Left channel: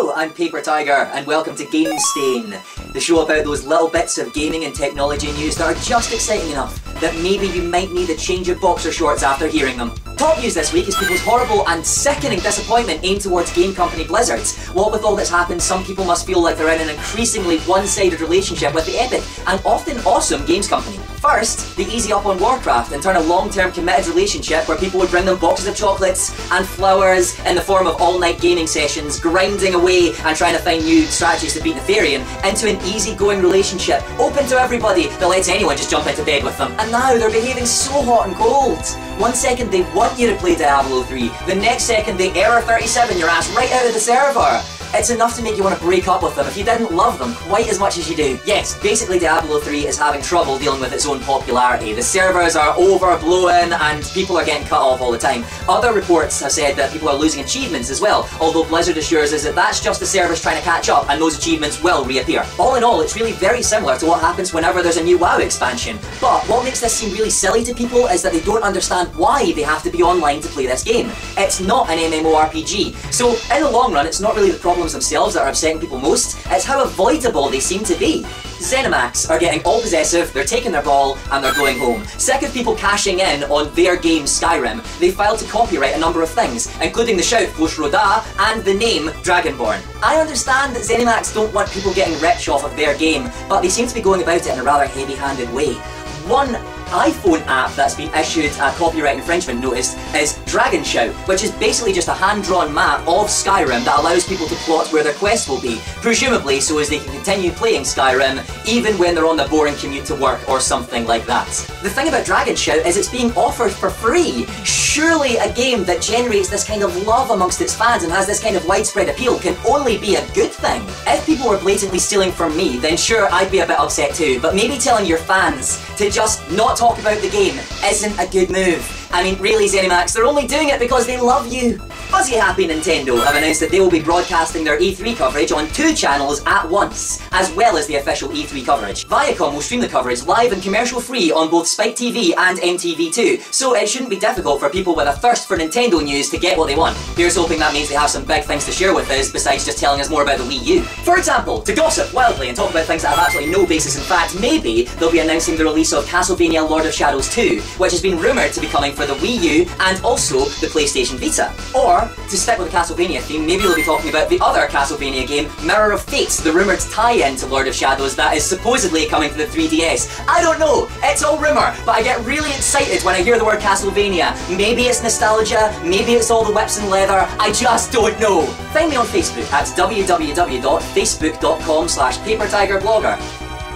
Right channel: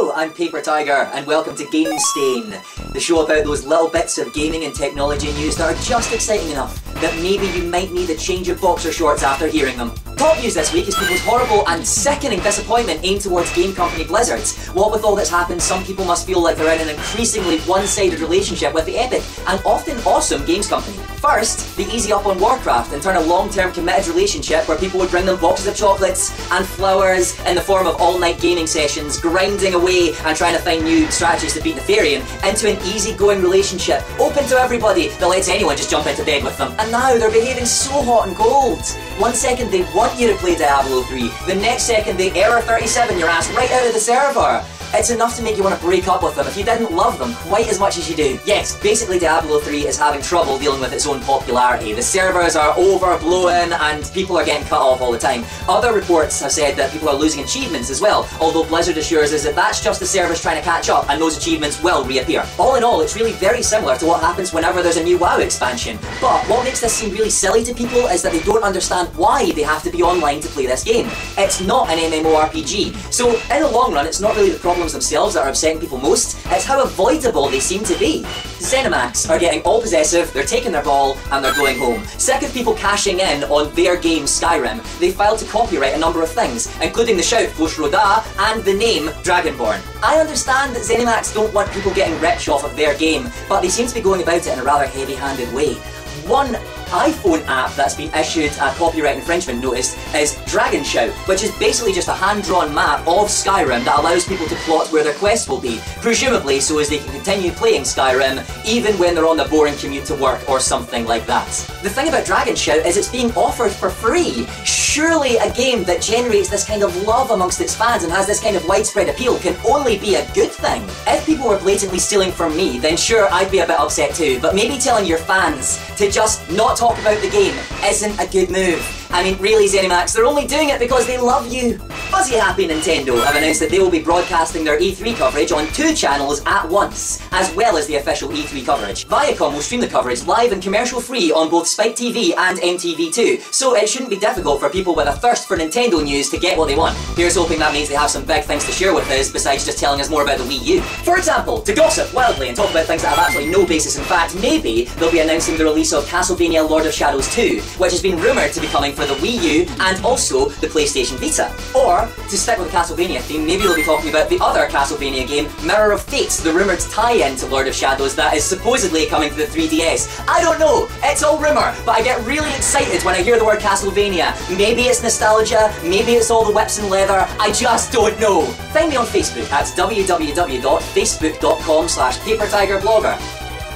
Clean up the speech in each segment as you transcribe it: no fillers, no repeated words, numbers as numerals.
Hello, I'm Paper Tiger, and welcome to Game Stain, the show about those little bits of gaming and technology news that are just exciting enough that maybe you might need to change your boxer shorts after hearing them. Top news this week is people's horrible and sickening disappointment aimed towards game company Blizzard. What with all that's happened, some people must feel like they're in an increasingly one-sided relationship with the epic and often awesome games company. First, they easy up on Warcraft and turn a long-term committed relationship where people would bring them boxes of chocolates and flowers in the form of all-night gaming sessions, grinding away and trying to find new strategies to beat Nefarian, into an easy-going relationship, open to everybody, that lets anyone just jump into bed with them. And now they're behaving so hot and cold. One second they want you to play Diablo 3, the next second they error 37 your ass right out of the server. It's enough to make you want to break up with them if you didn't love them quite as much as you do. Yes, basically Diablo 3 is having trouble dealing with its own popularity. The servers are overblown and people are getting cut off all the time. Other reports have said that people are losing achievements as well, although Blizzard assures us that that's just the servers trying to catch up and those achievements will reappear. All in all, it's really very similar to what happens whenever there's a new WoW expansion. But what makes this seem really silly to people is that they don't understand why they have to be online to play this game. It's not an MMORPG. So in the long run, it's not really the problems themselves that are upsetting people most, it's how avoidable they seem to be. Zenimax are getting all possessive, they're taking their ball, and they're going home. Sick of people cashing in on their game Skyrim, they filed to copyright a number of things, including the shout Ghost Roda and the name Dragonborn. I understand that Zenimax don't want people getting rich off of their game, but they seem to be going about it in a rather heavy-handed way. One iPhone app that's been issued a copyright infringement notice is Dragon Shout, which is basically just a hand-drawn map of Skyrim that allows people to plot where their quests will be, presumably so as they can continue playing Skyrim even when they're on the boring commute to work or something like that. The thing about Dragon Shout is it's being offered for free. Surely a game that generates this kind of love amongst its fans and has this kind of widespread appeal can only be a good thing. If people were blatantly stealing from me, then sure, I'd be a bit upset too, but maybe telling your fans to just not talk about the game isn't a good move. I mean, really, Zenimax, they're only doing it because they love you. Fuzzy Happy Nintendo have announced that they will be broadcasting their E3 coverage on 2 channels at once, as well as the official E3 coverage. Viacom will stream the coverage live and commercial-free on both Spike TV and MTV2, so it shouldn't be difficult for people with a thirst for Nintendo news to get what they want. Here's hoping that means they have some big things to share with us besides just telling us more about the Wii U. For example, to gossip wildly and talk about things that have absolutely no basis in fact, maybe they'll be announcing the release of Castlvania Lord of Shadows 2, which has been rumoured to be coming for the Wii U and also the PlayStation Vita. Or, to stick with the Castlevania theme, maybe they'll be talking about the other Castlevania game, Mirror of Fate, the rumoured tie-in to Lord of Shadows that is supposedly coming to the 3DS. I don't know, it's all rumour, but I get really excited when I hear the word Castlevania. Maybe it's nostalgia, maybe it's all the whips and leather, I just don't know. Find me on Facebook at www.facebook.com/papertigerblogger.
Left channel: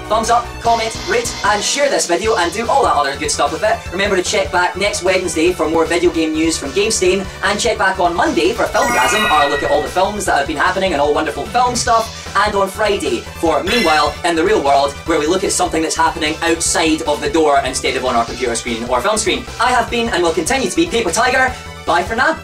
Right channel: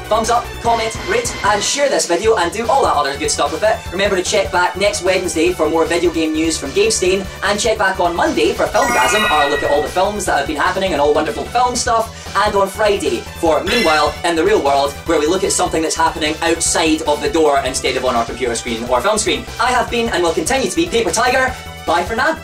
Thumbs up, comment, rate, and share this video, and do all that other good stuff with it. Remember to check back next Wednesday for more video game news from Game Stain, and check back on Monday for Filmgasm, our look at all the films that have been happening and all the wonderful film stuff, and on Friday for Meanwhile in the Real World, where we look at something that's happening outside of the door instead of on our computer screen or film screen. I have been, and will continue to be, Paper Tiger. Bye for now.